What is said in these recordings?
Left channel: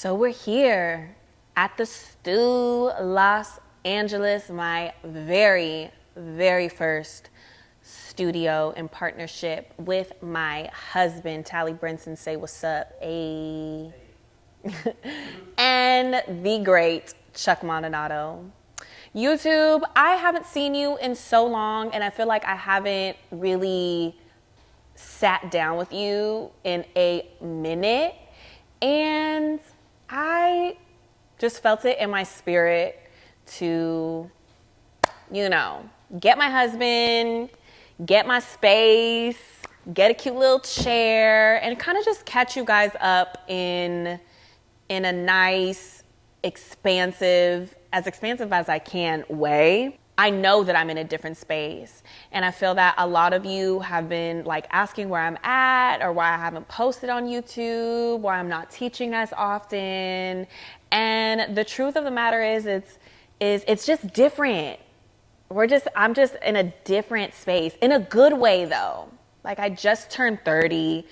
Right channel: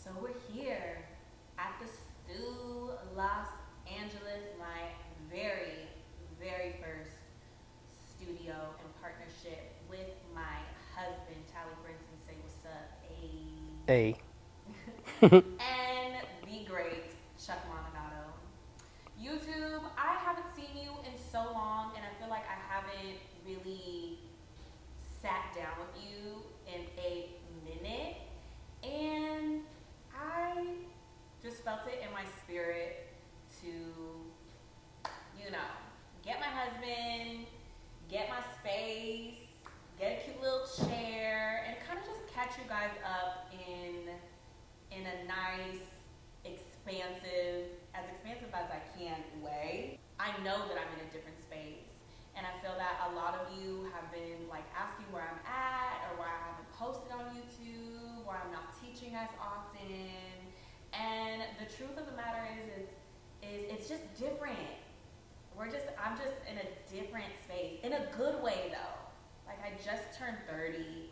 So we're here at the Stew, Los Angeles, my very, very first studio in partnership with my husband, Tally Brinson. Say what's up, Hey. and the great Chuck Mondonato. YouTube, I haven't seen you in so long, and I feel like I haven't really sat down with you in a minute. And I just felt it in my spirit to, get my husband, get my space, get a cute little chair, and kind of just catch you guys up in a nice, expansive as I can way. I know that I'm in a different space. And I feel that a lot of you have been like asking where I'm at or why I haven't posted on YouTube, why I'm not teaching as often. And the truth of the matter is it's just different. I'm just in a different space, in a good way though. Like I just turned 30,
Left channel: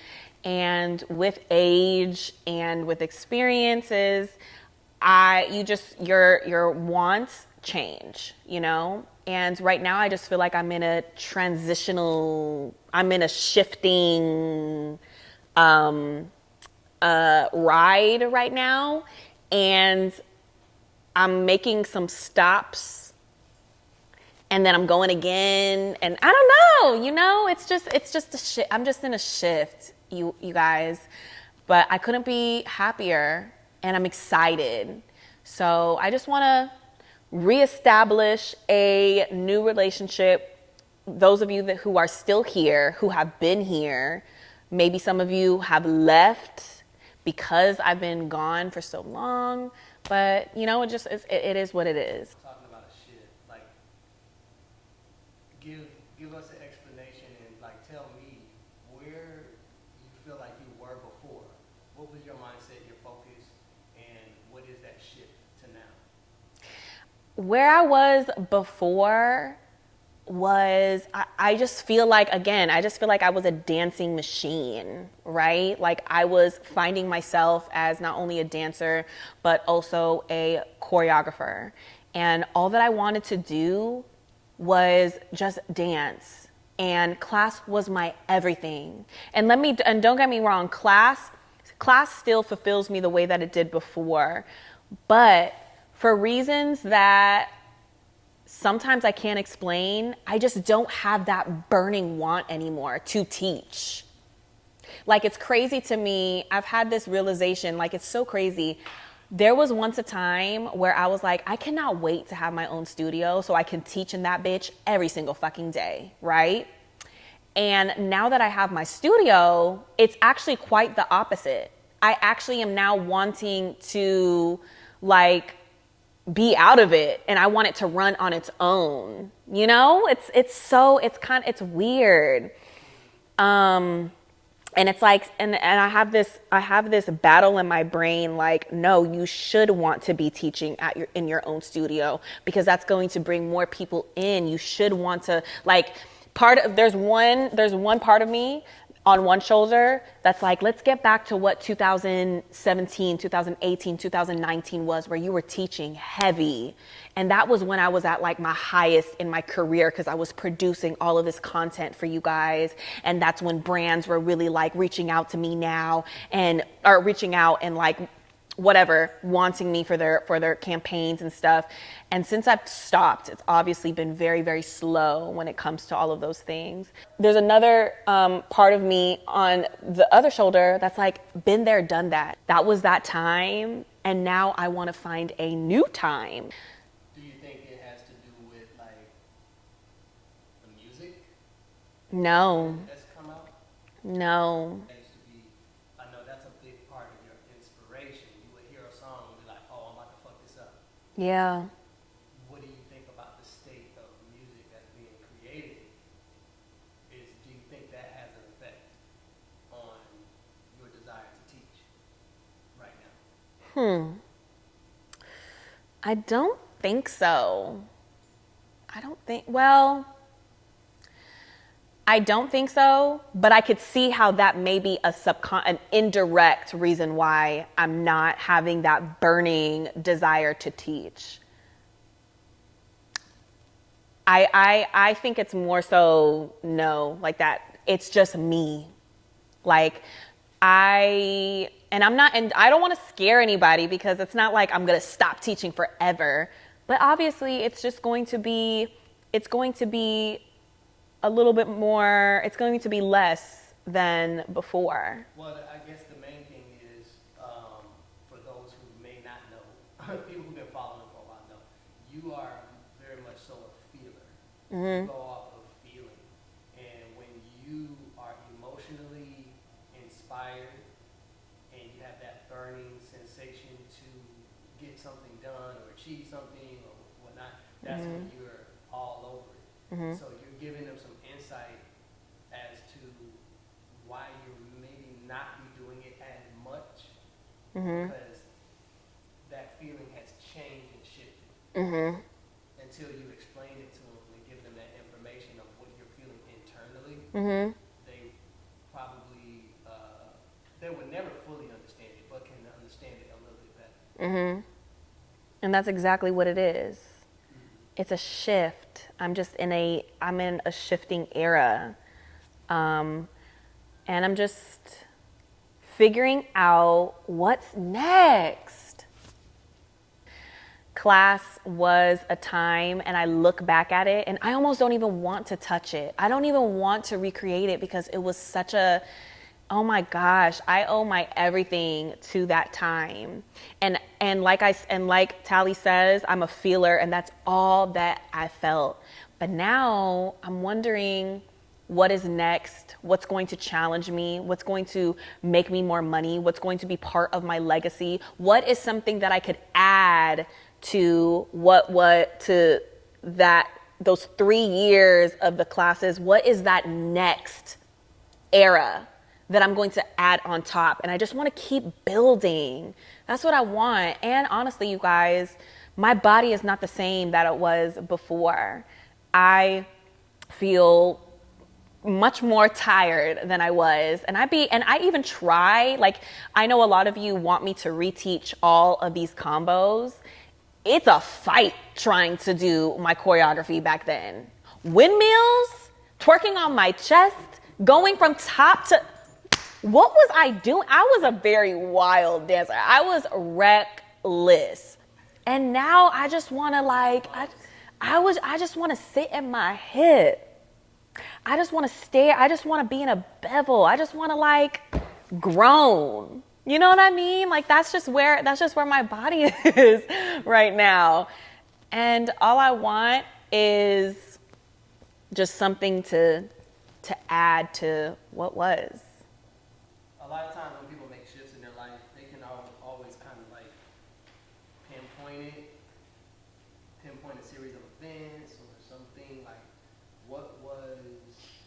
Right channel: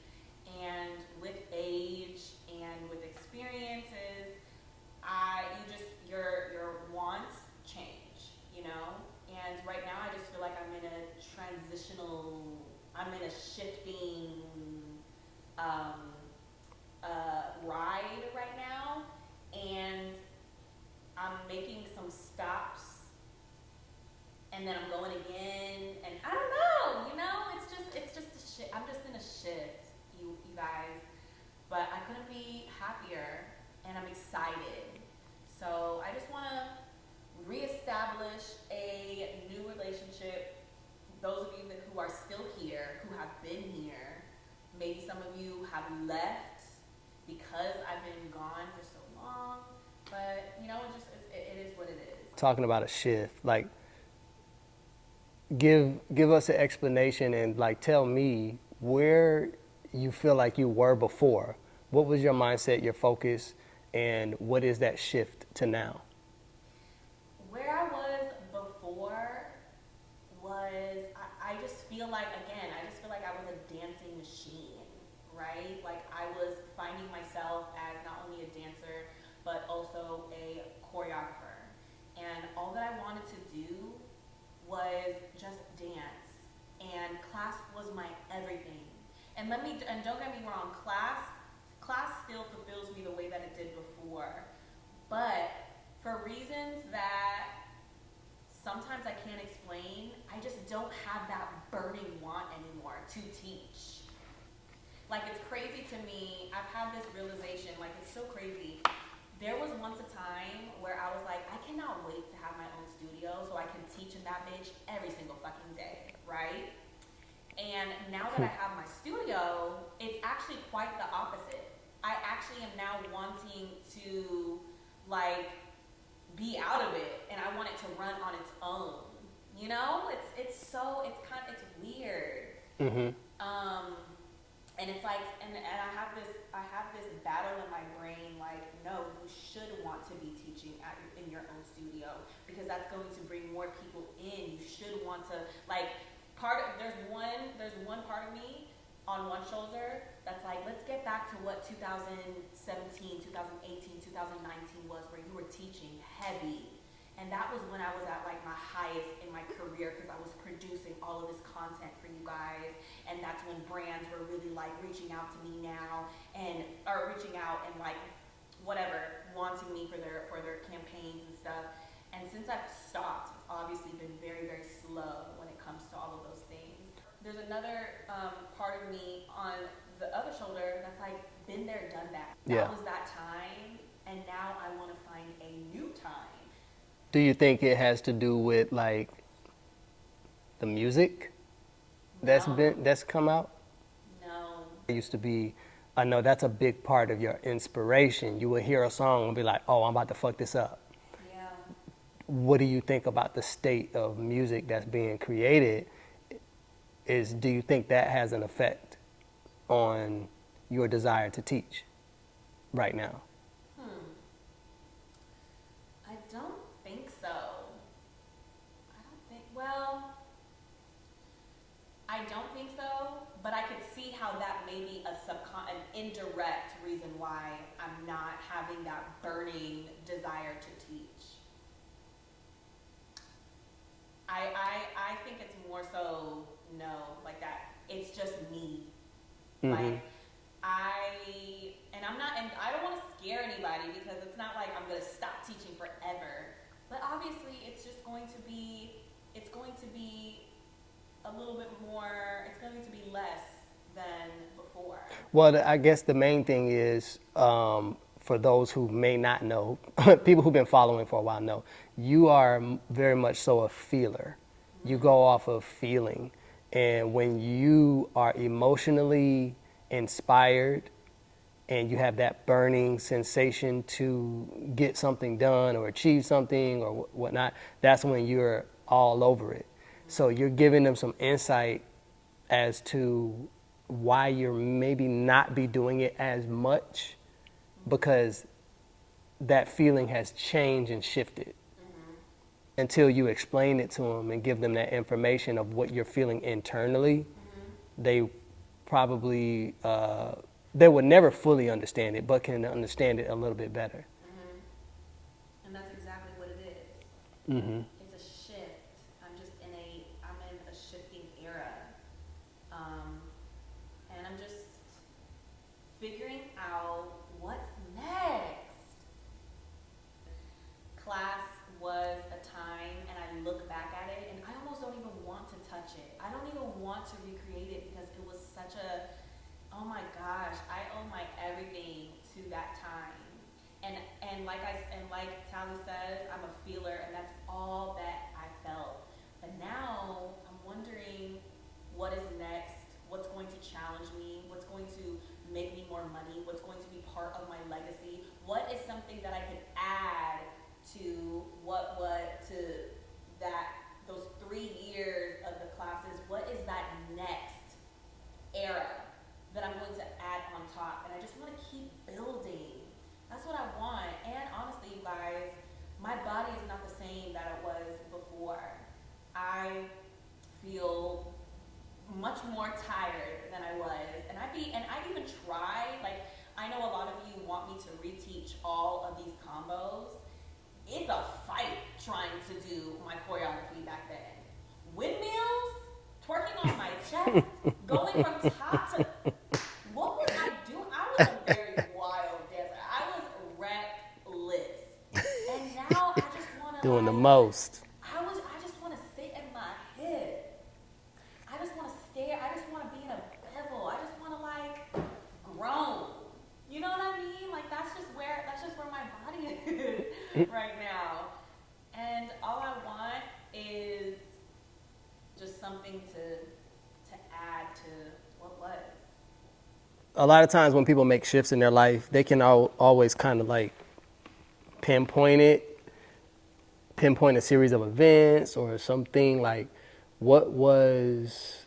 and with age and with experiences, your wants change, And right now I just feel like I'm in a shifting ride right now, and I'm making some stops, and then I'm going again, and I don't know, it's just a shift. I'm just in a shift, you guys, but I couldn't be happier, and I'm excited. So I just want to reestablish a new relationship. Those of you who are still here, who have been here, maybe some of you have left because I've been gone for so long, but it is what it is. Talking about a shift, like give us an explanation and like tell me where you feel like you were before. What was your mindset, your focus, and what is that shift to now? Where I was before was, I just feel like I was a dancing machine, right? Like I was finding myself as not only a dancer, but also a choreographer. And all that I wanted to do was just dance. And class was my everything. And don't get me wrong, class still fulfills me the way that it did before. But for reasons that sometimes I can't explain, I just don't have that burning want anymore to teach. Like, it's crazy to me. I've had this realization, like, it's so crazy. There was once a time where I was like, I cannot wait to have my own studio so I can teach in that bitch every single fucking day, right? And now that I have my studio, it's actually quite the opposite. I actually am now wanting to, like, be out of it, and I want it to run on its own. It's weird. Mm-hmm. And it's like, and I have this battle in my brain, like, no, you should want to be teaching in your own studio, because that's going to bring more people in. You should want to, like, there's one part of me on one shoulder that's like, let's get back to what 2017, 2018, 2019 was, where you were teaching heavy. And that was when I was at like my highest in my career, because I was producing all of this content for you guys. And that's when brands were really like reaching out to me now, or reaching out and like whatever, wanting me for their campaigns and stuff. And since I've stopped, it's obviously been very, very slow when it comes to all of those things. There's another part of me on the other shoulder that's like, been there, done that. That was that time, and now I want to find a new time. Do you think it has to do with like the music? No. That's come out? No. It used to be, I know that's a big part of your inspiration. You would hear a song and be like, oh, I'm about to fuck this up. Yeah. What do you think about the state of music that's being created? Do you think that has an effect on your desire to teach right now? I don't think so. I don't think so, but I could see how that may be an indirect reason why I'm not having that burning desire to teach. I think it's more so like that. It's just me. Like and I don't want to scare anybody because it's not like I'm going to stop teaching forever. But obviously it's going to be a little bit more, it's going to be less than before. Well, I guess the main thing is, for those who may not know, people who've been following for a while know, you are very much so a feeler. You go off of feeling. And when you are emotionally inspired and you have that burning sensation to get something done or achieve something or whatnot, that's when you're all over it. So you're giving them some insight as to why you're maybe not be doing it as much because that feeling has changed and shifted. Until you explain it to them and give them that information of what you're feeling internally, they probably, they would never fully understand it, but can understand it a little bit better. And that's exactly what it is. It's a shift. I'm in a shifting era. And I'm just figuring out what's next. Class was a time, and I look back at it, and I almost don't even want to touch it. I don't even want to recreate it because it was such a, oh my gosh, I owe my everything to that time. And like Tally says, I'm a feeler, and that's all that I felt. But now I'm wondering what is next, what's going to challenge me, what's going to make me more money, what's going to be part of my legacy, what is something that I could add to those 3 years of the classes. What is that next era that I'm going to add on top? And I just want to keep building. That's what I want. And honestly, you guys, my body is not the same that it was before. I feel much more tired than I was. And I even try, like, I know a lot of you want me to reteach all of these combos. It's a fight trying to do my choreography back then. Windmills, twerking on my chest, going from top to, what was I doing? I was a very wild dancer. I was reckless. And now I just want to I just want to sit in my hip. I just want to stare. I just want to be in a bevel. I just want to like groan. You know what I mean? Like that's just where my body is right now. And all I want is just something to add to what was. A lot of times when people make shifts in their life, they can always kind of like pinpoint a series of events or something. Like, what was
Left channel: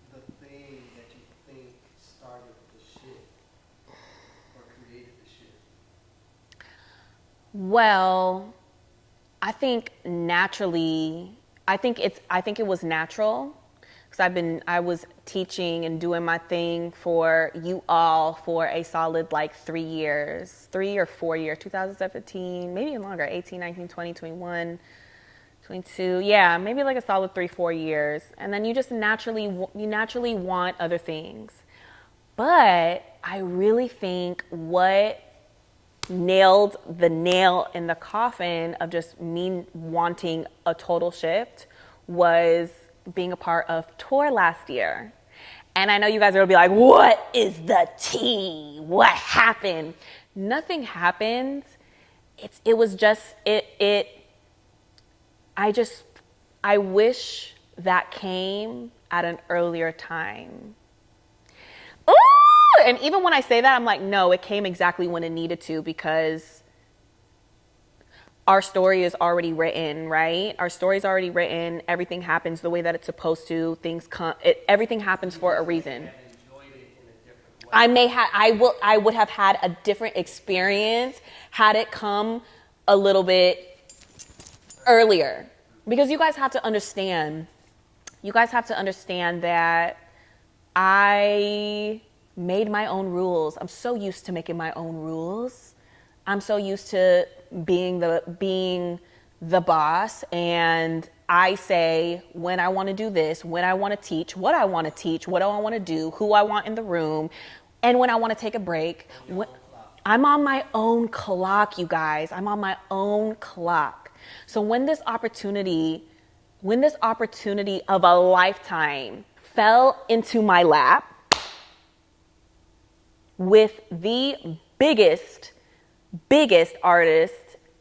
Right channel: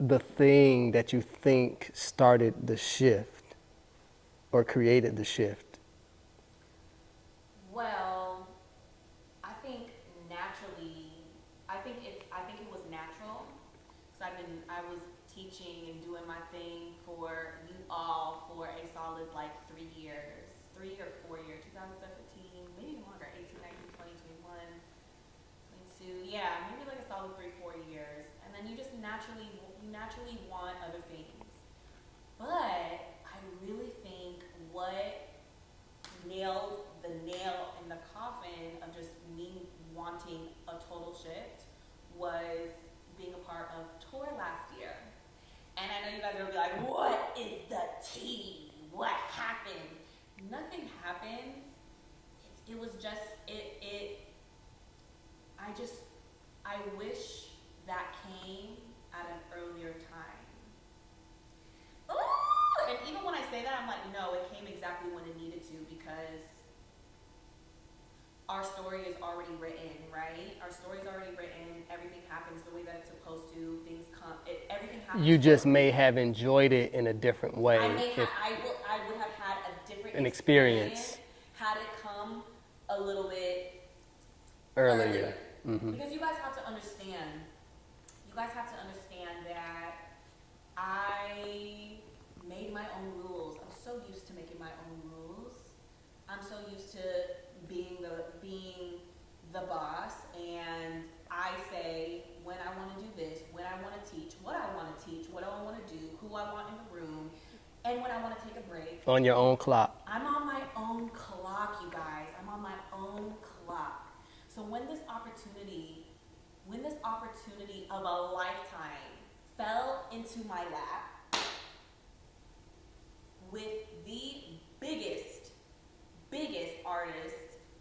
the thing that you think started the shift or created the shift? Well, I think naturally, I think it was natural because I was teaching and doing my thing for you all for a solid like 3 years, 3 or 4 years, 2017, maybe longer, 18, 19, 20, 21, 22. Yeah, maybe like a solid 3-4 years. And then you just naturally want other things. But I really think what nailed the nail in the coffin of just me wanting a total shift was being a part of tour last year. And I know you guys are gonna be like, what is the tea? What happened? Nothing happened. It was just, I wish that came at an earlier time. Ooh! And even when I say that, I'm like, no, it came exactly when it needed to because our story is already written, right? Our story's already written. Everything happens the way that it's supposed to. Everything happens for a reason. You just may have enjoyed it in a different way. I would have had a different experience had it come a little bit earlier. Mm-hmm. Because you guys have to understand, you guys have to understand that I made my own rules. I'm so used to making my own rules. I'm so used to being the boss, and I say when I want to do this, when I want to teach, what I want to teach, what do I want to do, who I want in the room, and when I want to take a break. On your own clock. I'm on my own clock, you guys. I'm on my own clock. So when this opportunity of a lifetime fell into my lap with the biggest artist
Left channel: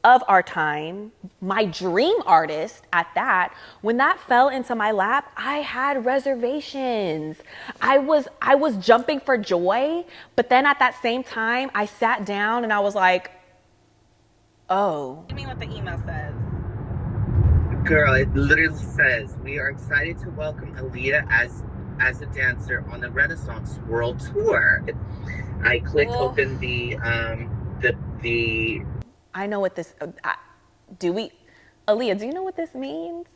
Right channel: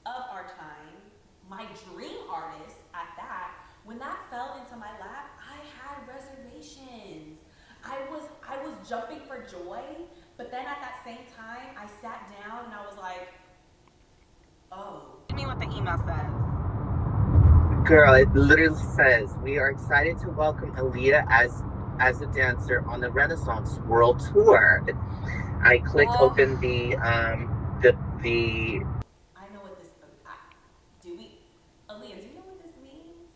of our time, my dream artist at that, when that fell into my lap, I had reservations. I was jumping for joy, but then at that same time, I sat down and I was like, oh. What do you mean what the email says? Girl, it literally says, we are excited to welcome Aliya as a dancer on the Renaissance World Tour. I clicked open the I know what this, Aliya, do you know what this means?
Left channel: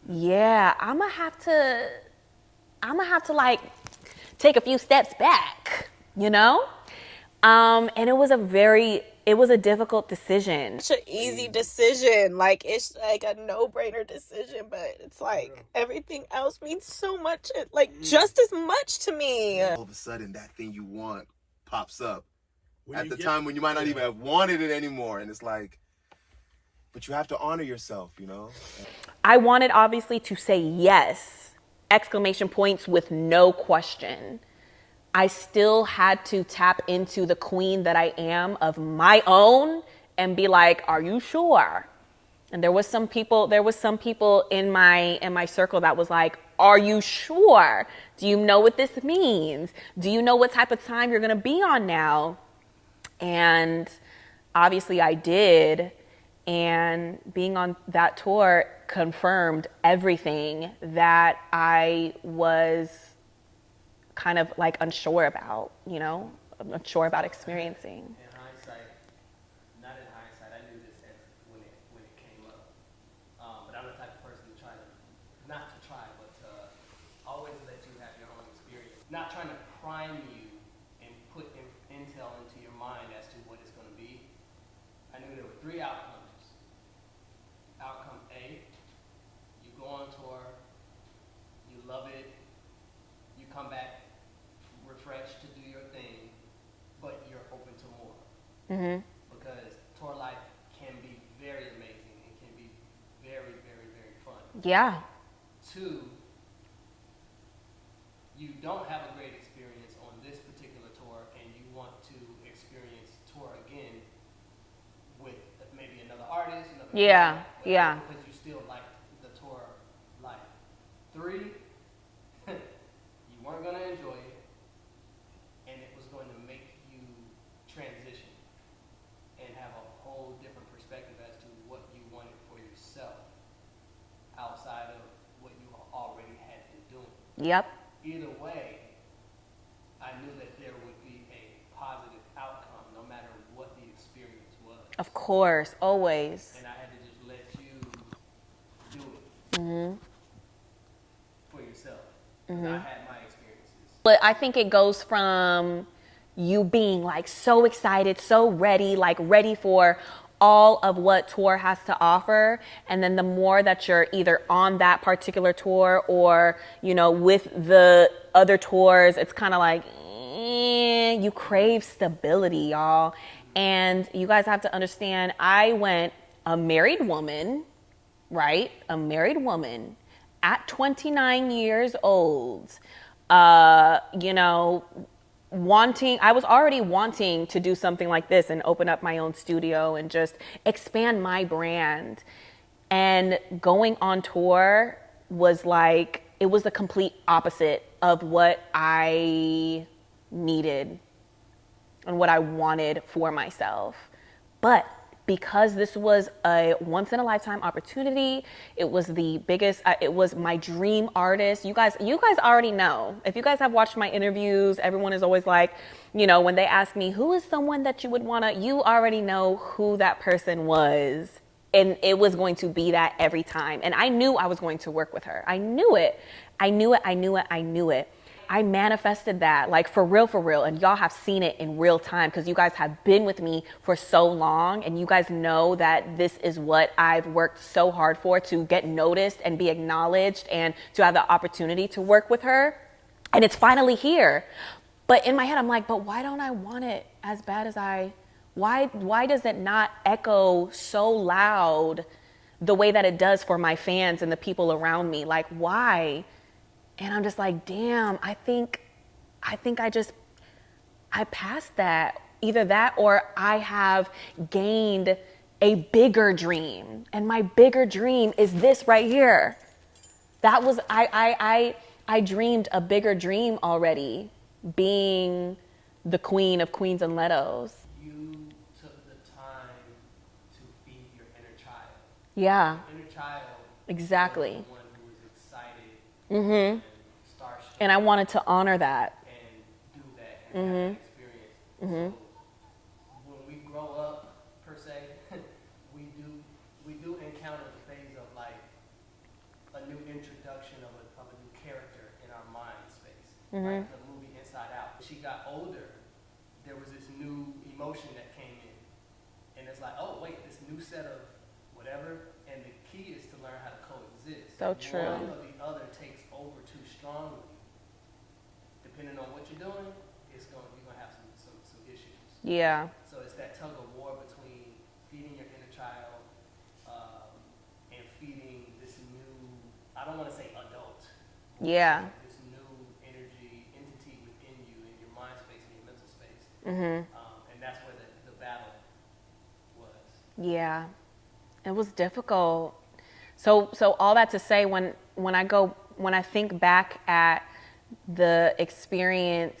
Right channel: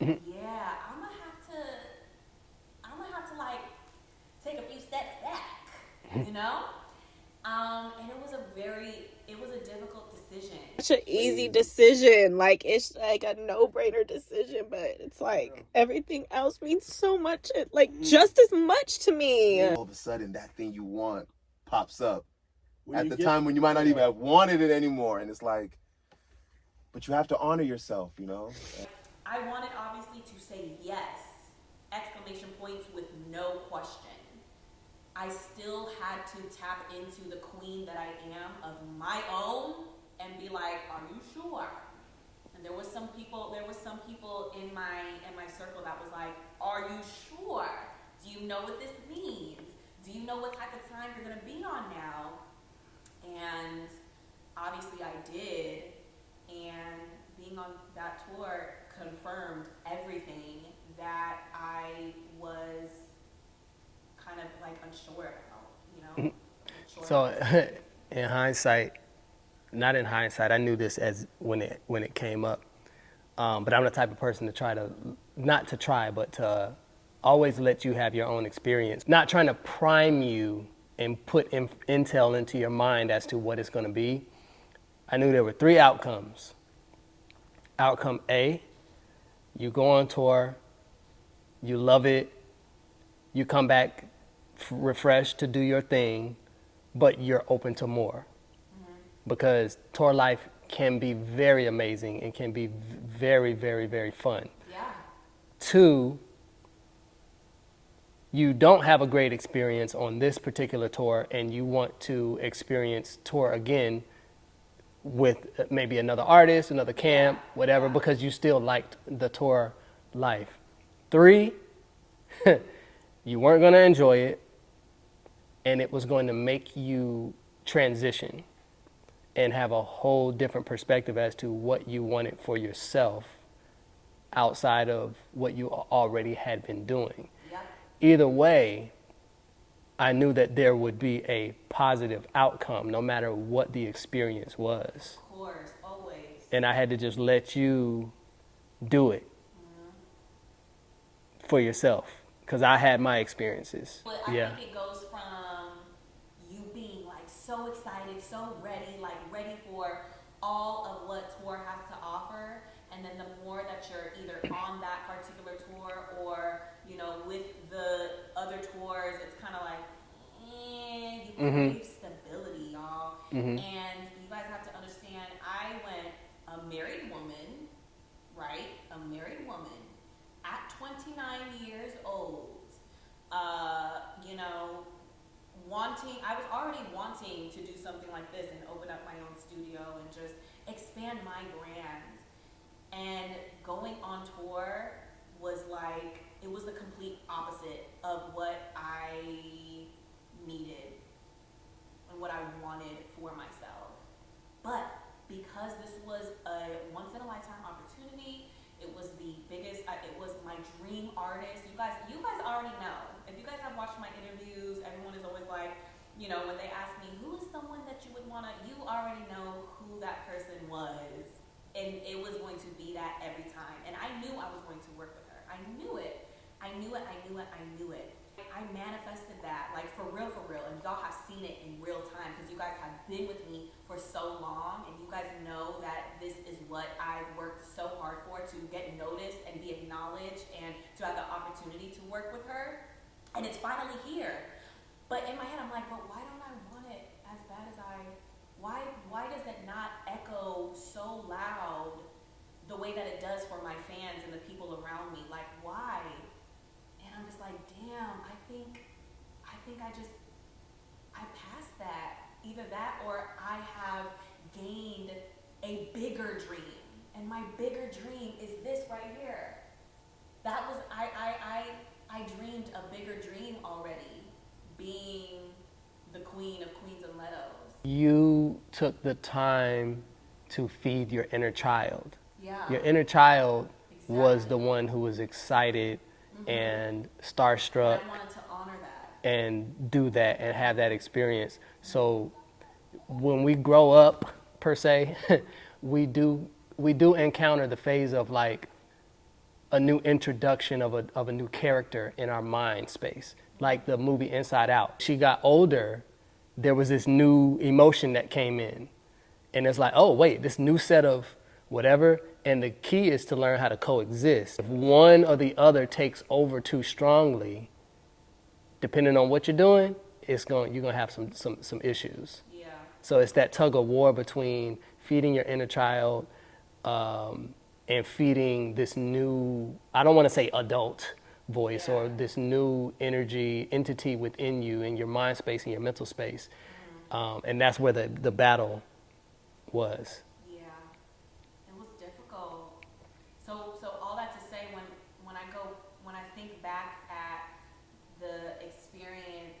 Yeah, I'm gonna have to like take a few steps back, you know? And it was a difficult decision. Such an easy decision. Like, it's like a no-brainer decision, but it's like everything else means so much, like just as much to me. All of a sudden, that thing you want pops up at the time when you might not even have wanted it anymore. And it's like, but you have to honor yourself, you know? I wanted obviously to say yes, exclamation points with no question. I still had to tap into the queen that I am of my own and be like, are you sure? And there was some people in my circle that was like, are you sure? Do you know what this means? Do you know what type of time you're gonna be on now? And obviously I did. And being on that tour confirmed everything that I was kind of like unsure about, you know, unsure about experiencing. In hindsight, not in hindsight, I knew this as when it came up. But I'm the type of person to but to always let you have your own experience. Not trying to prime you and put intel into your mind as to what it's going to be. I knew there were 3 outcomes. Outcome A, you go on tour, you love it, you come back refreshed to do your thing, but you're open to more. Mm-hmm. Because tour life can be very amazing and can be very, very, very fun. Yeah. 2, you don't have a great experience on this particular tour and you want to experience tour again with maybe another artist, another camp, whatever, because you still liked the tour life. 3, you weren't going to enjoy it and it was going to make you transition and have a whole different perspective as to what you wanted for yourself outside of what you already had been doing. Yep. Either way, I knew that there would be a positive outcome no matter what the experience was. Of course, always. And I had to just let you do it for yourself because I had my experiences. But I think it goes from you being like so excited, so ready, like ready for all of what tour has to offer. And then the more that you're either on that particular tour or, you know, with the other tours, it's kind of like, you crave stability, y'all. And you guys have to understand, I went a married woman, right? A married woman at 29 years old, you know, I was already wanting to do something like this and open up my own studio and just expand my brand. And going on tour was like, it was the complete opposite of what I needed and what I wanted for myself. But because this was a once in a lifetime opportunity, it was the biggest, it was my dream artist. You guys already know. If you guys have watched my interviews, everyone is always like, you know, when they ask me, who is someone that you would wanna, you already know who that person was. And it was going to be that every time. And I knew I was going to work with her. I knew it. I knew it. I knew it. I knew it. I manifested that, like, for real. And y'all have seen it in real time because you guys have been with me for so long. And you guys know that this is what I've worked so hard for, to get noticed and be acknowledged and to have the opportunity to work with her. And it's finally here. But in my head, I'm like, but why don't I want it as bad as why does it not echo so loud the way that it does for my fans and the people around me? Like, why? And I'm just like, damn, I think I passed that. Either that or I have gained a bigger dream. And my bigger dream is this right here. That was, I dreamed a bigger dream already, being the queen of Queens and Letos. You took the time to feed your inner child. Yeah. Your inner child Exactly. was the one who was excited and starstruck. And I wanted to honor that. And do that and have that experience. So when we grow up, per se, we do encounter the phase of like a new introduction of a new character in our mind space, like the movie Inside Out. She got older, there was this new emotion that came in. And it's like, oh, wait, this new set of whatever. And the key is to learn how to coexist. So If true. one or the other takes over too strongly, depending on what you're doing, you're gonna have some issues. Yeah. So it's that tug of war between feeding your inner child and feeding this new, I don't want to say adult voice, Yeah. or this new entity within you in your mind space and your mental space. And that's where the battle was. Yeah. It was difficult. So all that to say, when I think back at the experience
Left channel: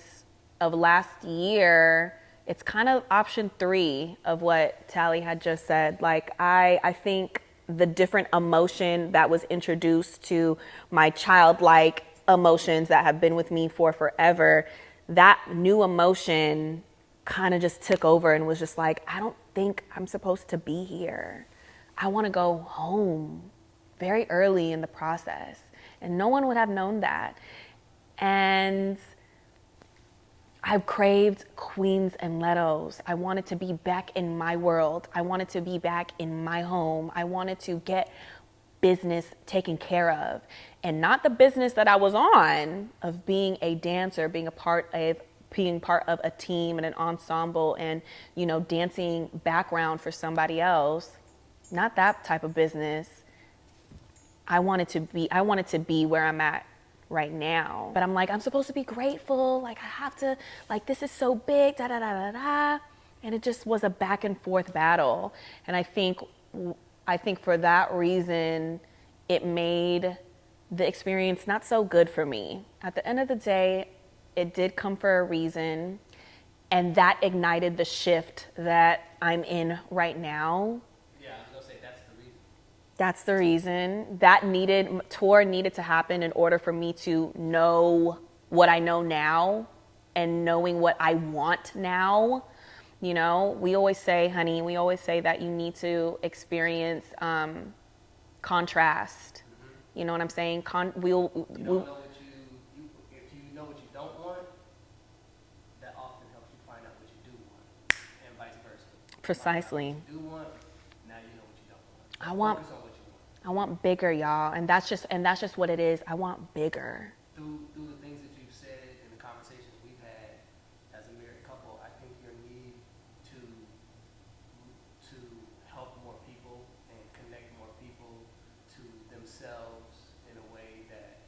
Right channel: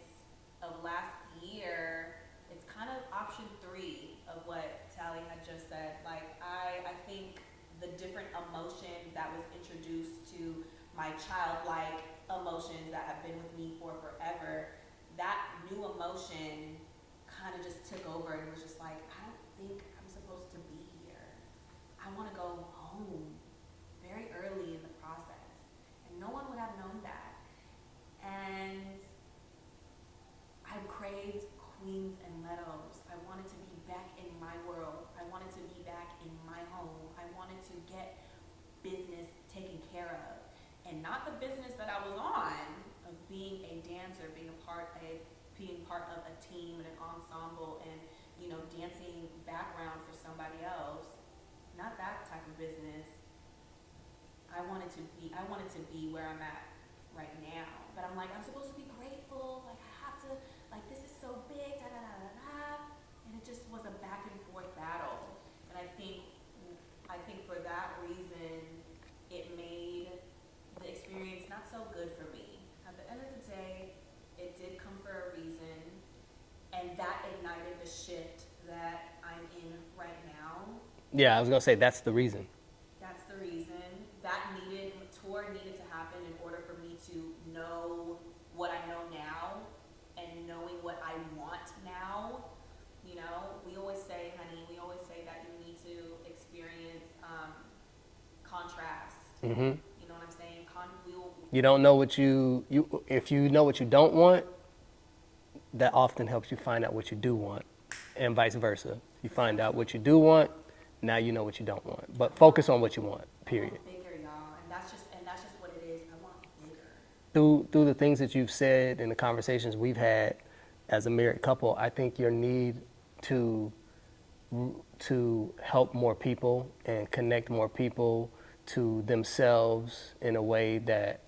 of last year, it's kind of option 3 of what Tally had just said. Like, I think the different emotion that was introduced to my childlike emotions that have been with me for forever, that new emotion kind of just took over and was just like, I don't think I'm supposed to be here. I want to go home, very early in the process. And no one would have known that. And I've craved Queens and Letos. I wanted to be back in my world. I wanted to be back in my home. I wanted to get business taken care of. And not the business that I was on of being a dancer, being part of a team and an ensemble and, you know, dancing background for somebody else. Not that type of business. I wanted to be where I'm at right now. But I'm like, I'm supposed to be grateful. Like, I have to, like, this is so big, da da da da da. And it just was a back and forth battle. And I think for that reason, it made the experience not so good for me. At the end of the day, it did come for a reason. And that ignited the shift that I'm in right now. Yeah, I was gonna say that's the reason. That's the reason. That tour needed to happen in order for me to know what I know now and knowing what I want now. You know, we always say that you need to experience contrast. You know what I'm saying? You don't know what if you know what you don't want, that often helps you find out what you do want, and vice versa. You find out what Precisely. you do want, now you know what you don't want. But focus on what you want. I want bigger, y'all, and that's just what it is. I want bigger. Through the things that you've said and the conversations we've had as a married couple, I think your need to help more people and connect more people to themselves in a way that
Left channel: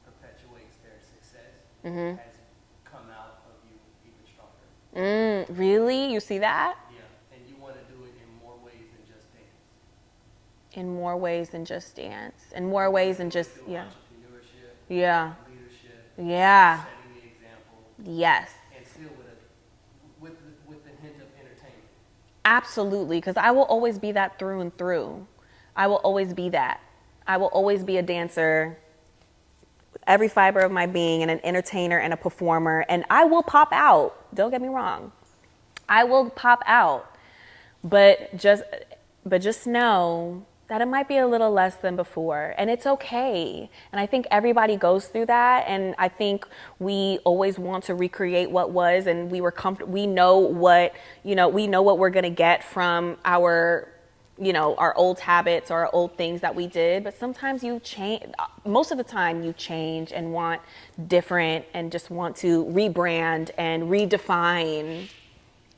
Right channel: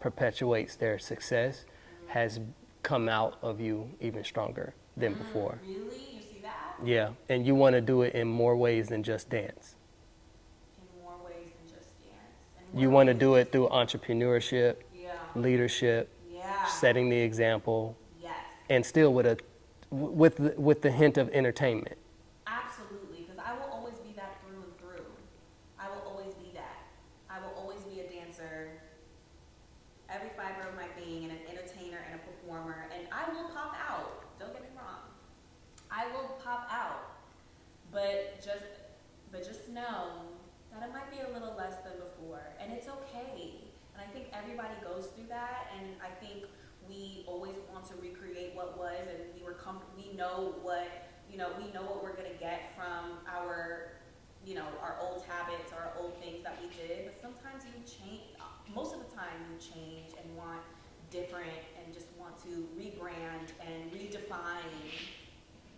perpetuates their success has come out of you even stronger than before. Really? You see that? Yeah, and you want to do it in more ways than just dance. In more ways than just dance. In more You ways want to than do it just through entrepreneurship, leadership, Yeah. setting the example, Yes. and still with the hint of entertainment. Absolutely, because I will always be that through and through. I will always be that. I will always be a dancer, every fiber of my being, and an entertainer and a performer, and I will pop out. Don't get me wrong. I will pop out. But just but just know that it might be a little less than before, and it's okay. And I think everybody goes through that, and I think we always want to recreate what was, and we were comfortable. We know what, we know what we're gonna get from our, our old habits or our old things that we did. But sometimes you change. Most of the time, you change and want different, and just want to rebrand and redefine.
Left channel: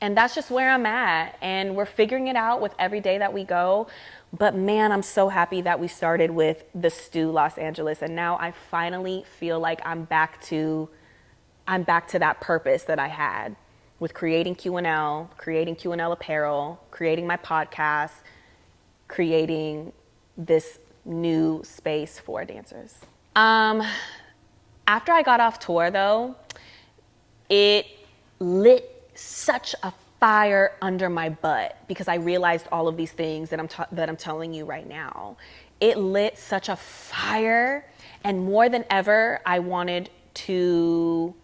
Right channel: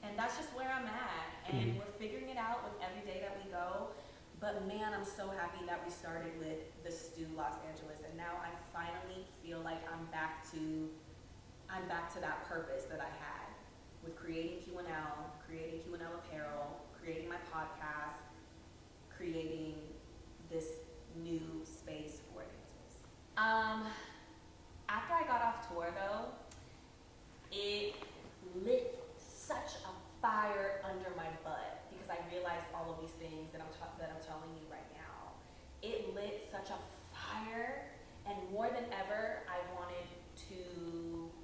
And that's just where I'm at. And we're figuring it out with every day that we go. But man, I'm so happy that we started with the Stew Los Angeles. And now I finally feel like I'm back to that purpose that I had with creating QNL, creating QNL Apparel, creating my podcast, creating this new space for dancers. After I got off tour though, it lit such a fire under my butt, because I realized all of these things that I'm telling you right now. It lit such a fire, and more than ever, I wanted to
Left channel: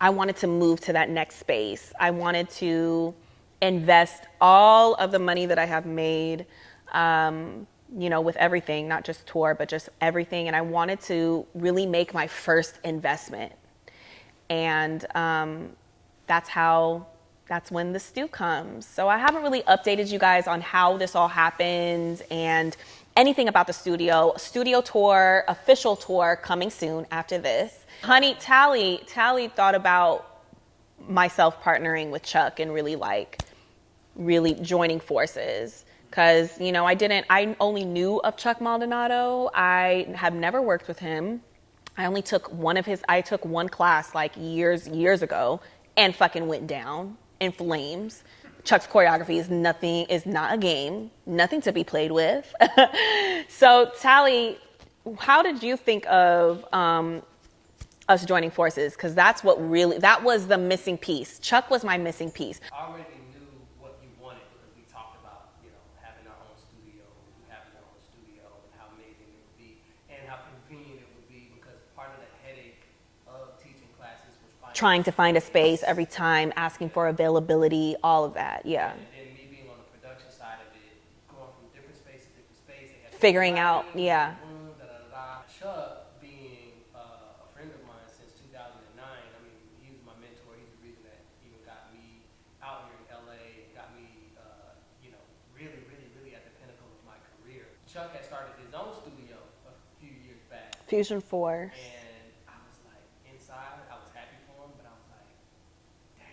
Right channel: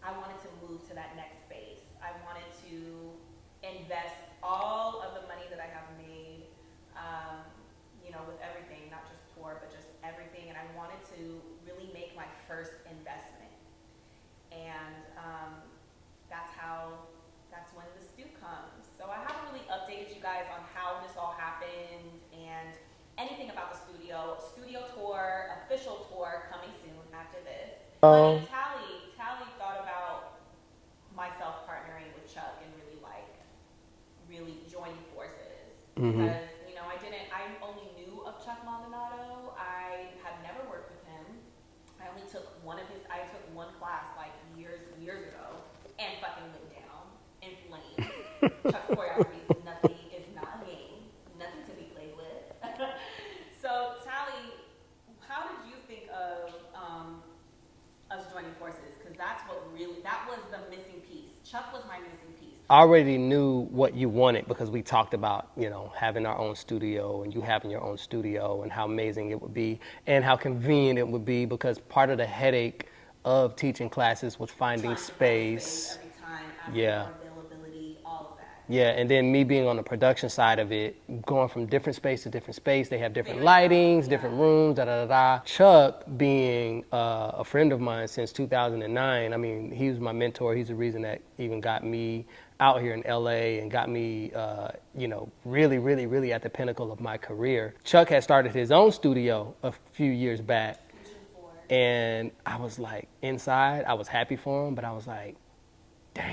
move to that next space. I wanted to invest all of the money that I have made, with everything, not just tour, but just everything. And I wanted to really make my first investment. And that's when the stew comes. So I haven't really updated you guys on how this all happened and anything about the studio tour, official tour coming soon after this. Honey, Tally thought about myself partnering with Chuck and really joining forces. Because, I only knew of Chuck Maldonado. I have never worked with him. I took one class like years ago and fucking went down in flames. Chuck's choreography is not a game, nothing to be played with. So Tally, how did you think of us joining forces? Because that was the missing piece. Chuck was my missing piece. I already knew what you wanted, because we talked about, having our own studio, and you having your own studio, and how amazing it would be and how convenient it would be, because part of the headache of teaching classes was trying to find a space every time, asking for availability, all of that. Yeah, and then me being on the production side of it, going from different space to different space, they have different lightings, different rooms, Chuck being a friend of mine since 2009, I mean, he was my mentor. He's the reason that even got me out here in LA and got me, really, really, really at the pinnacle of my career. Chuck had started his own studio a few years back. Fusion 4. And I was like, inside, I was happy for him, but I was like, damn.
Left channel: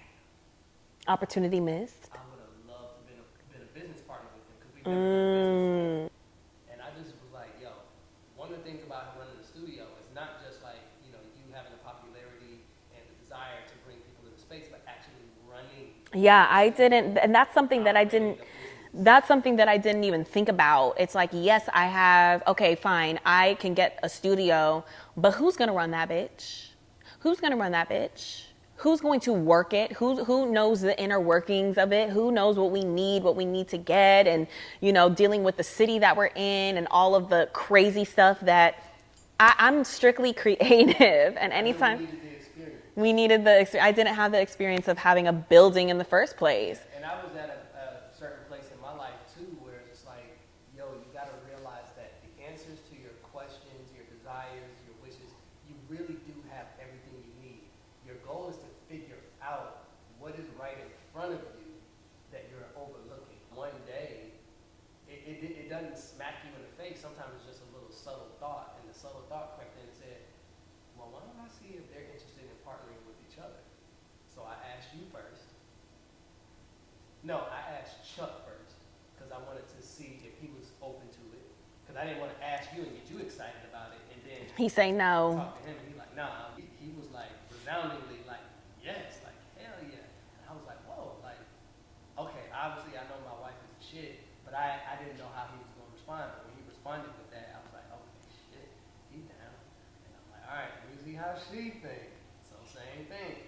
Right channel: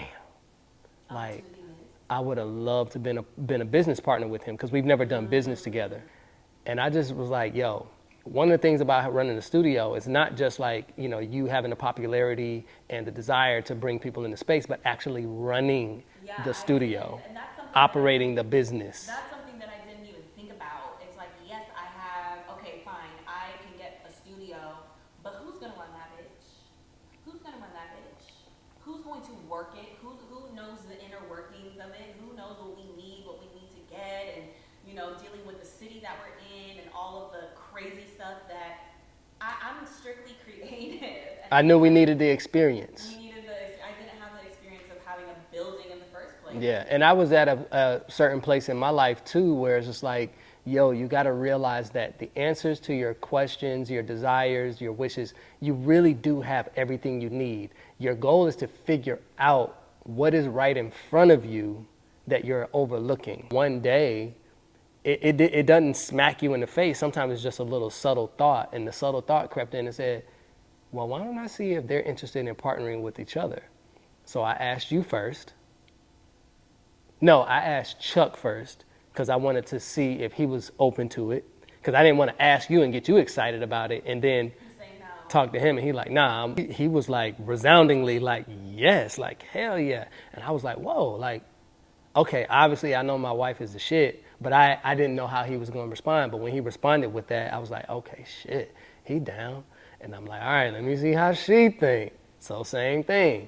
Opportunity missed. I would have loved to been a business partner with him, because we've never done business together. And I just was like, yo, one of the things about running a studio is not just like, you having the popularity and the desire to bring people into space, but actually running the studio, and that's something that I didn't, operating the business. That's something that I didn't even think about. It's like, yes, okay, fine, I can get a studio, but who's gonna run that bitch? Who's gonna run that bitch? Who's going to work it? Who knows the inner workings of it? Who knows what we need to get, and dealing with the city that we're in and all of the crazy stuff that I'm strictly creative. And I knew we needed the experience. I didn't have the experience of having a building in the first place. Yeah, and I was at a certain place in my life too, where it's just like, yo, you got to realize that the answers to your questions, your desires, your wishes, you really do have everything you need. Your goal is to figure out what is right in front of you that you're overlooking. One day, it doesn't smack you in the face. Sometimes it's just a little subtle thought, and the subtle thought crept in and said, well, why don't I see if they're interested in partnering with each other? So I asked you first. No, I asked Chuck first, because I wanted to see if he was open to it, because I didn't want to ask you and get you excited about it, and then he say no. Talk to him, and he like, nah. He was like resoundingly like, yes, like hell yeah. And I was like, whoa, like, okay, obviously I know my wife is the shit, but I didn't know how he was going to respond. But when he responded with that, I was like, okay, shit, he down. And I'm like, all right, let me see how she think. So same thing.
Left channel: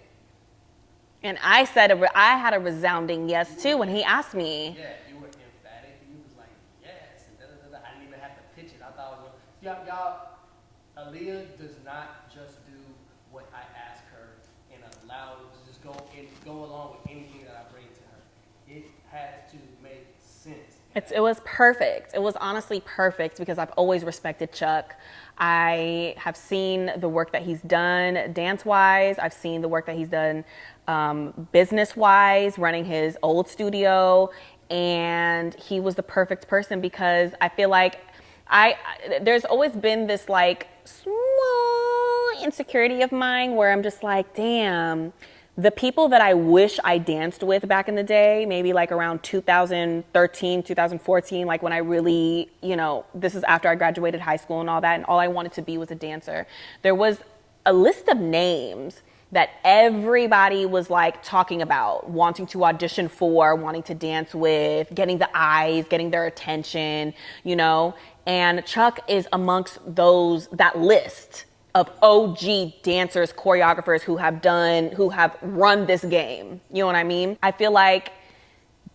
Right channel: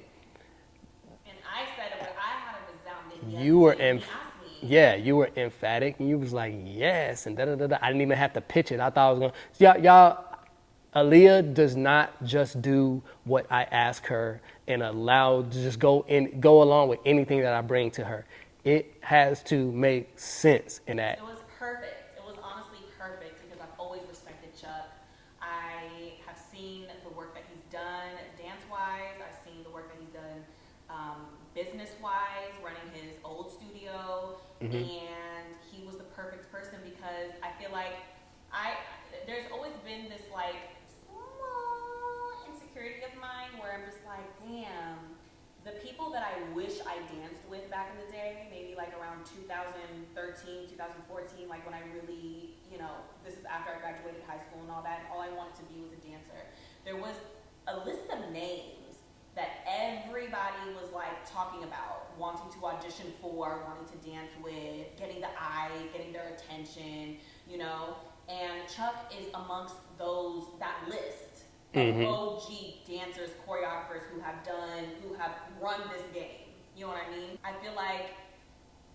And I said, I had a resounding yes too when he asked me. Yeah, you were emphatic, and you was like, yes, and da-da-da-da. I didn't even have to pitch it. I thought I was going to, y'all, Aliya does not just do what I ask her and allow to just go along with anything that I bring to her. it has to make sense in that. It was perfect. It was honestly perfect because I've always respected Chuck. I have seen the work that he's done dance-wise. I've seen the work that he's done business-wise, running his old studio. And he was the perfect person because I feel like there's always been this like small insecurity of mine where I'm just like, damn, the people that I wish I danced with back in the day, maybe like around 2013, 2014, like when I really, this is after I graduated high school and all that, and all I wanted to be was a dancer. There was a list of names that everybody was like talking about, wanting to audition for, wanting to dance with, getting the eyes, getting their attention, and Chuck is amongst that list of OG dancers, choreographers who have run this game. You know what I mean? I feel like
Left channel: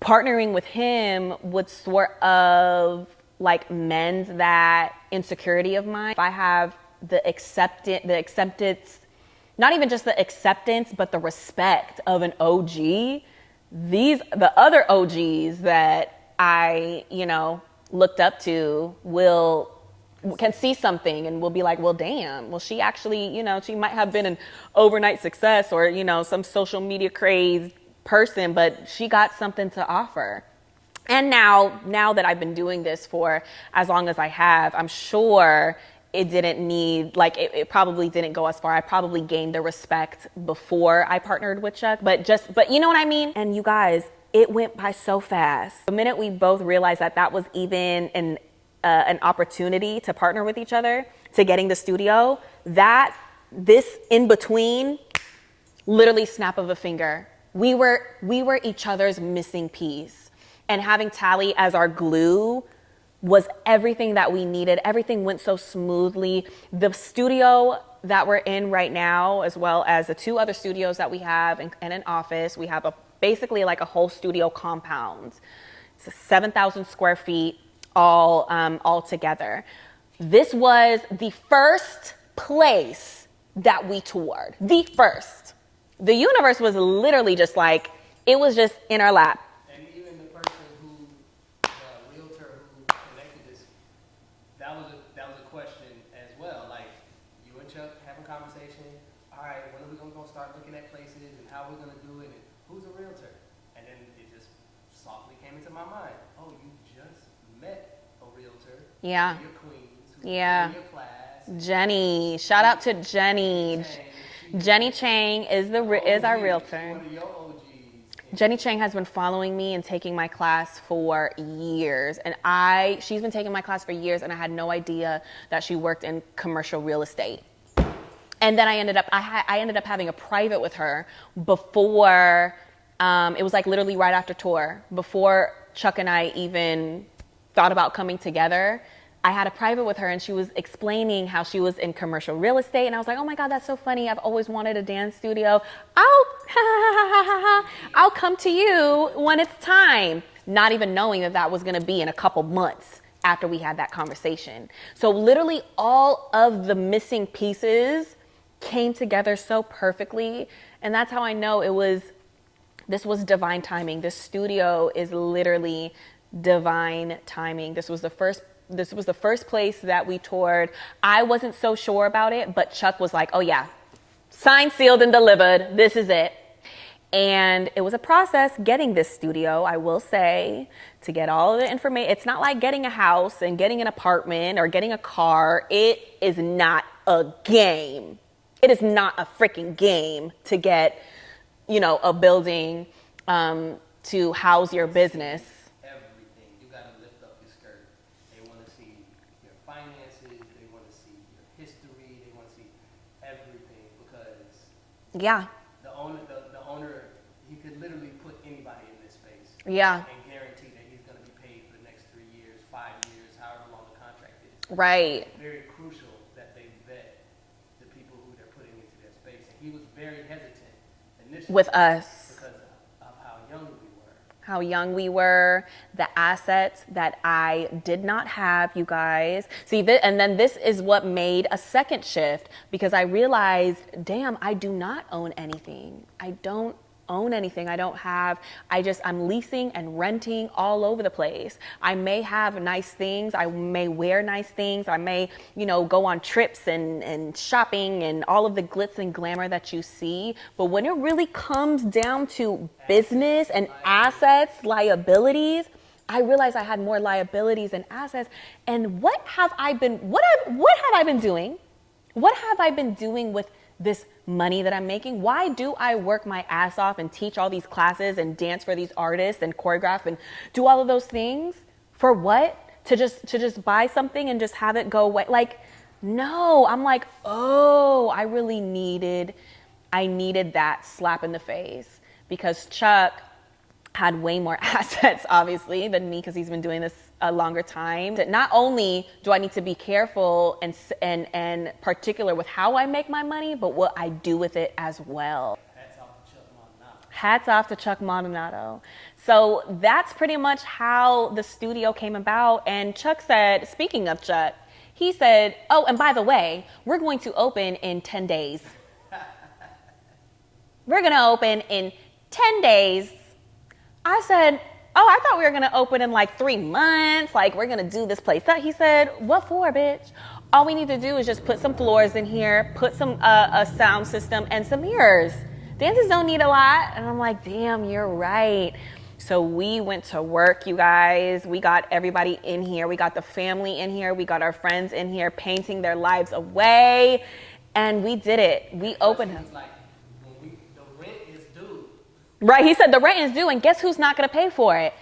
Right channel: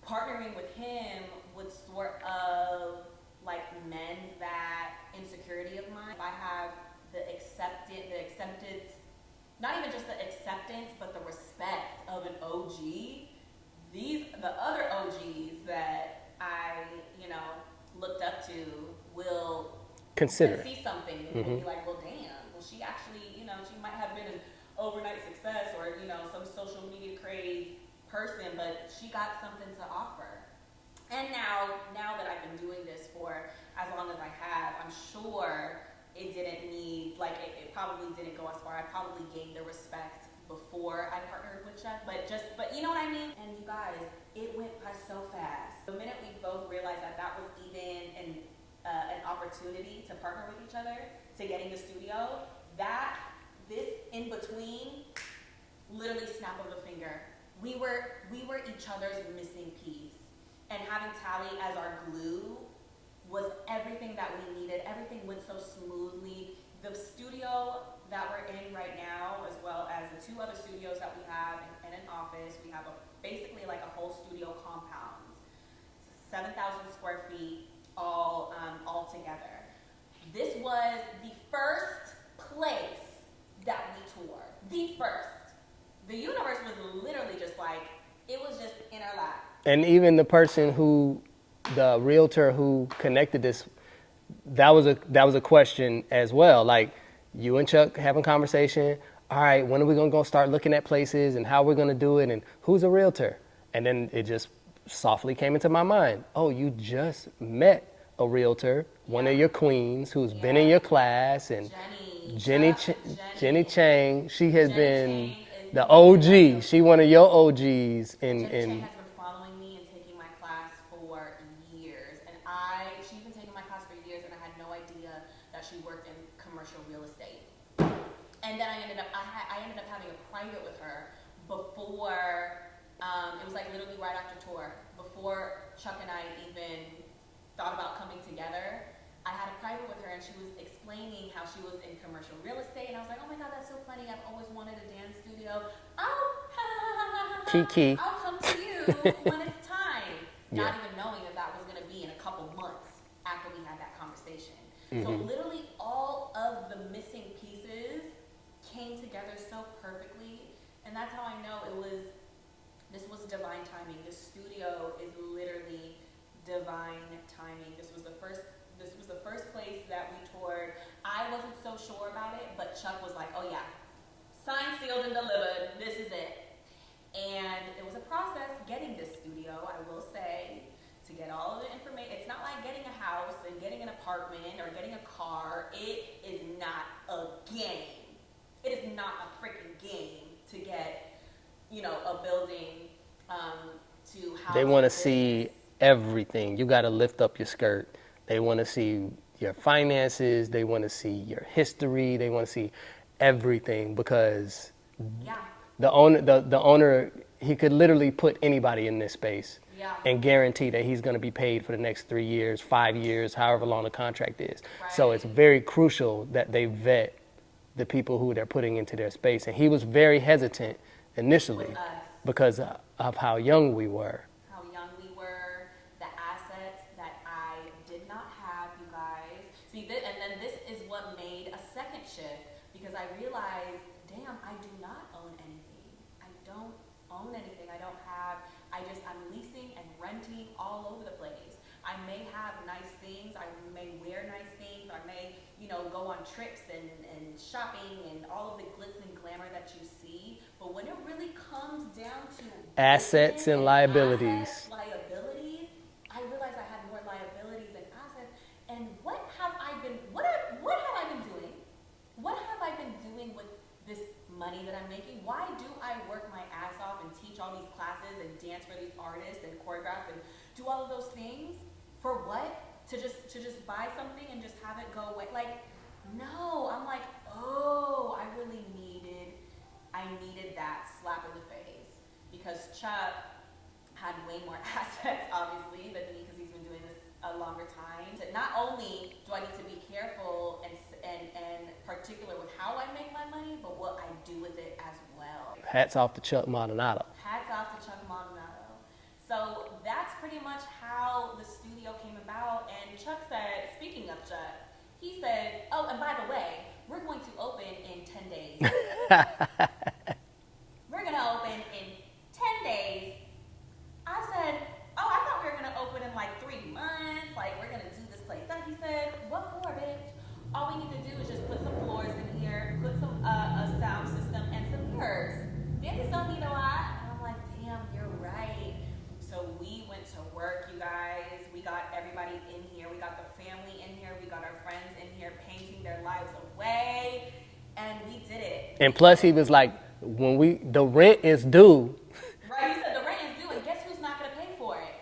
partnering with him would sort of like mend that insecurity of mine. If I have the acceptance, not even just the acceptance, but the respect of an OG, the other OGs that I, looked up to can see something and will be like, well, damn, well, she actually, she might have been an overnight success or, some social media crazed person, but she got something to offer. And now that I've been doing this for as long as I have, I'm sure it didn't need, like, it probably didn't go as far. I probably gained the respect before I partnered with Chuck, but you know what I mean? And you guys, it went by so fast. The minute we both realized that was even an opportunity to partner with each other, to getting the studio, this in between, literally snap of a finger. We were each other's missing piece. And having Tally as our glue was everything that we needed. Everything went so smoothly. The studio that we're in right now, as well as the 2 other studios that we have and an office, we have basically like a whole studio compound. It's 7,000 square feet. All together. This was the first place that we toured. The first. The universe was literally just like, it was just in our lap. And even the realtor who connected this, that was a question as well. Like, you and Chuck having conversation. All right, when are we gonna start looking at places and how we're gonna do it and who's a realtor? And then it just softly came into my mind. Oh, you just met a realtor, one of your queens who's been in your class. And Jenny, shout out to Jenny. Jenny Chang. Jenny Chang is the OG. Is our realtor. She one of your OGs. Jenny Chang has been following me and taking my class for years. And she's been taking my class for years, and I had no idea that she worked in commercial real estate. And then I ended up having a private with her before, it was like literally right after tour, before Chuck and I even thought about coming together. I had a private with her and she was explaining how she was in commercial real estate, and I was like, oh my God, that's so funny. I've always wanted a dance studio. I'll come to you when it's time. Not even knowing that was gonna be in a couple months after we had that conversation. So literally all of the missing pieces came together so perfectly, and that's how I know this was divine timing. This studio is literally divine timing. This was the first place that we toured. I wasn't so sure about it, but Chuck was like, oh yeah, signed, sealed, and delivered. This is it. And it was a process getting this studio, I will say, to get all of the information. It's not like getting a house and getting an apartment or getting a car. It is not a game. It is not a freaking game to get, a building to house your business. See everything. You got to lift up your skirt. They want to see your finances. They want to see your history. They want to see everything, because the owner, he could literally put anybody in this space and guarantee that he's going to be paid for the next 3 years, 5 years, however long the contract is. Right. So it's very crucial that they vet the people who they're putting into their space. And he was very hesitant initially with us because of how young we were. The assets that I did not have, you guys. See, and then this is what made a second shift, because I realized, damn, I do not own anything. I don't own anything. I'm leasing and renting all over the place. I may have nice things. I may wear nice things. I may, go on trips and shopping and all of the glitz and glamour that you see. But when it really comes down to business and assets, liabilities, I realized I had more liabilities than assets. And what have I been doing? What have I been doing with this money that I'm making? Why do I work my ass off and teach all these classes and dance for these artists and choreograph and do all of those things? For what? To just buy something and just have it go away? Like, no. I'm like, oh, I needed that slap in the face, because Chuck had way more assets, obviously, than me, because he's been doing this a longer time. Not only do I need to be careful and particular with how I make my money, but what I do with it as well. Hats off to Chuck Maldonado. Hats off to Chuck Maldonado. So that's pretty much how the studio came about. And Chuck said, speaking of Chuck, he said, oh, and by the way, we're going to open in 10 days. We're going to open in 10 days. I said, oh, I thought we were going to open in like 3 months. Like, we're going to do this place up. He said, what for, bitch? All we need to do is just put some floors in here, put some a sound system and some mirrors. Dancers don't need a lot. And I'm like, damn, you're right. So we went to work, you guys. We got everybody in here. We got the family in here. We got our friends in here painting their lives away. And we did it. And plus he was like, the rent is due. Right, he said the rent is due, and guess who's not going to pay for it?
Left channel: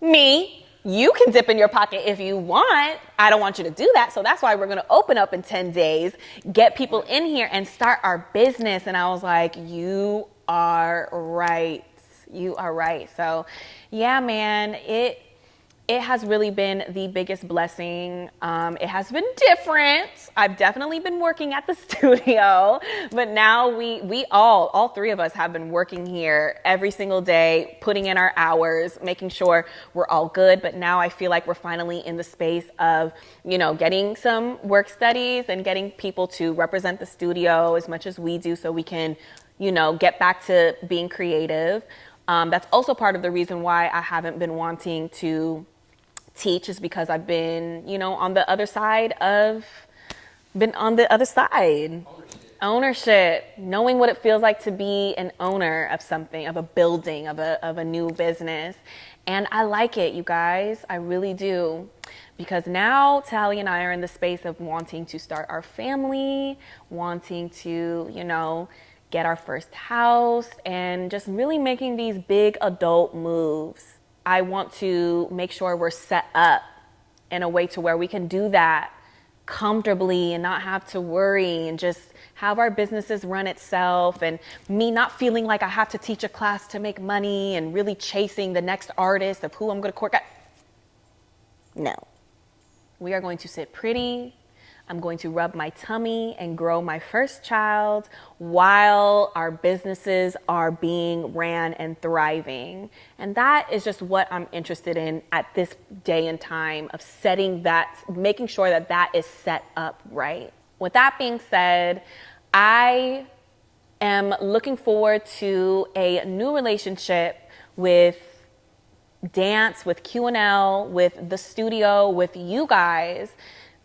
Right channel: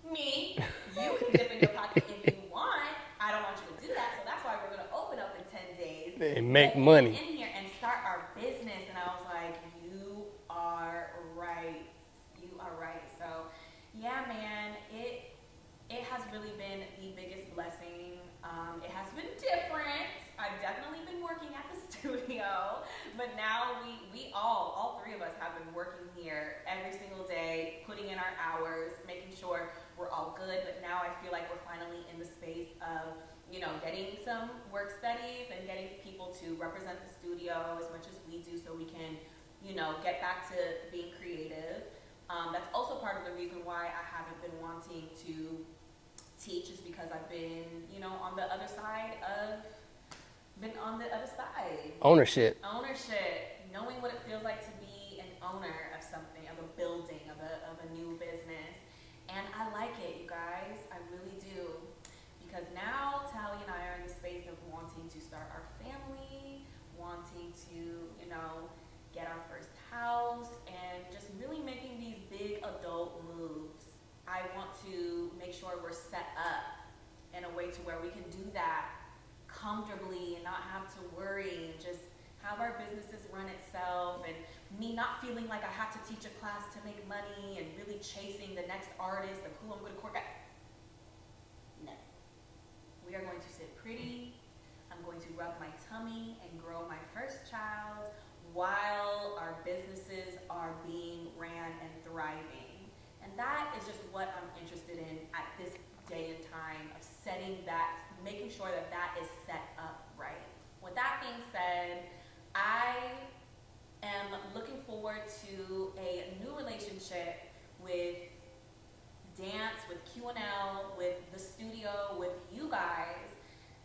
Me. You can dip in your pocket if you want. I don't want you to do that, so that's why we're going to open up in 10 days, get people money in here, and start our business. And I was like, you are right. You are right. So, yeah, man, it has really been the biggest blessing. It has been different. I've definitely been working at the studio, but now we all three of us have been working here every single day, putting in our hours, making sure we're all good. But now I feel like we're finally in the space of, getting some work studies and getting people to represent the studio as much as we do, so we can, get back to being creative. That's also part of the reason why I haven't been wanting to teach, is because I've been, on the other side. Ownership, knowing what it feels like to be an owner of something, of a building, of a new business. And I like it, you guys. I really do. Because now Tally and I are in the space of wanting to start our family, wanting to, get our first house, and just really making these big adult moves. I want to make sure we're set up in a way to where we can do that comfortably and not have to worry, and just have our businesses run itself, and me not feeling like I have to teach a class to make money and really chasing the next artist of who I'm going to court. No. We are going to sit pretty. I'm going to rub my tummy and grow my first child while our businesses are being ran and thriving. And that is just what I'm interested in at this day and time, of making sure that is set up right. With that being said, I am looking forward to a new relationship with dance, with QNL, with the studio, with you guys.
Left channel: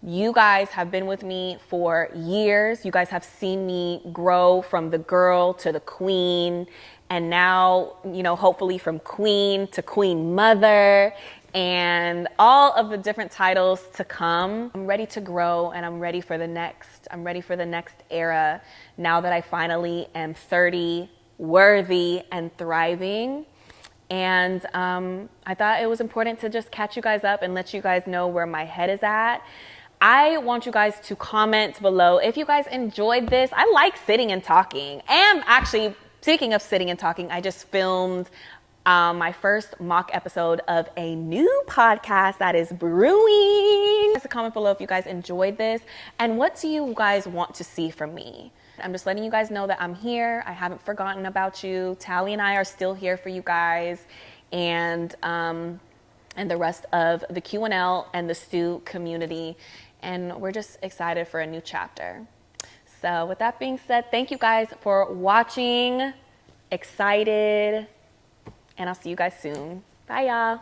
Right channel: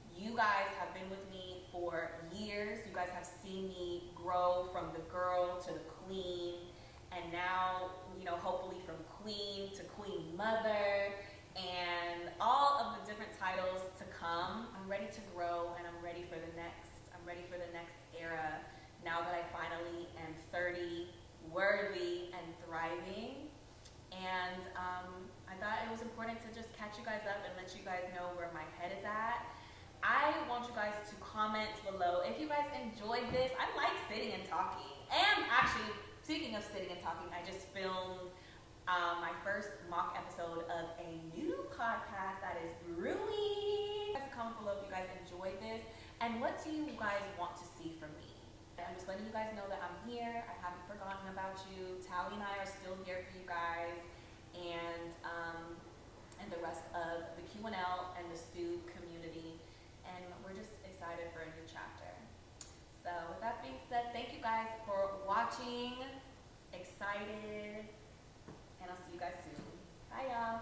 You guys have been with me for years. You guys have seen me grow from the girl to the queen, and now, hopefully from queen to queen mother, and all of the different titles to come. I'm ready to grow, and I'm ready for the next era, now that I finally am 30, worthy and thriving. And I thought it was important to just catch you guys up and let you guys know where my head is at. I want you guys to comment below if you guys enjoyed this. I like sitting and talking. And actually, speaking of sitting and talking, I just filmed my first mock episode of a new podcast that is brewing. Just comment below if you guys enjoyed this, and what do you guys want to see from me. I'm just letting you guys know that I'm here. I haven't forgotten about you. Tally and I are still here for you guys, and the rest of the QNL and the Stu community. And we're just excited for a new chapter. So with that being said, thank you guys for watching. excited, and I'll see you guys soon. Bye, y'all.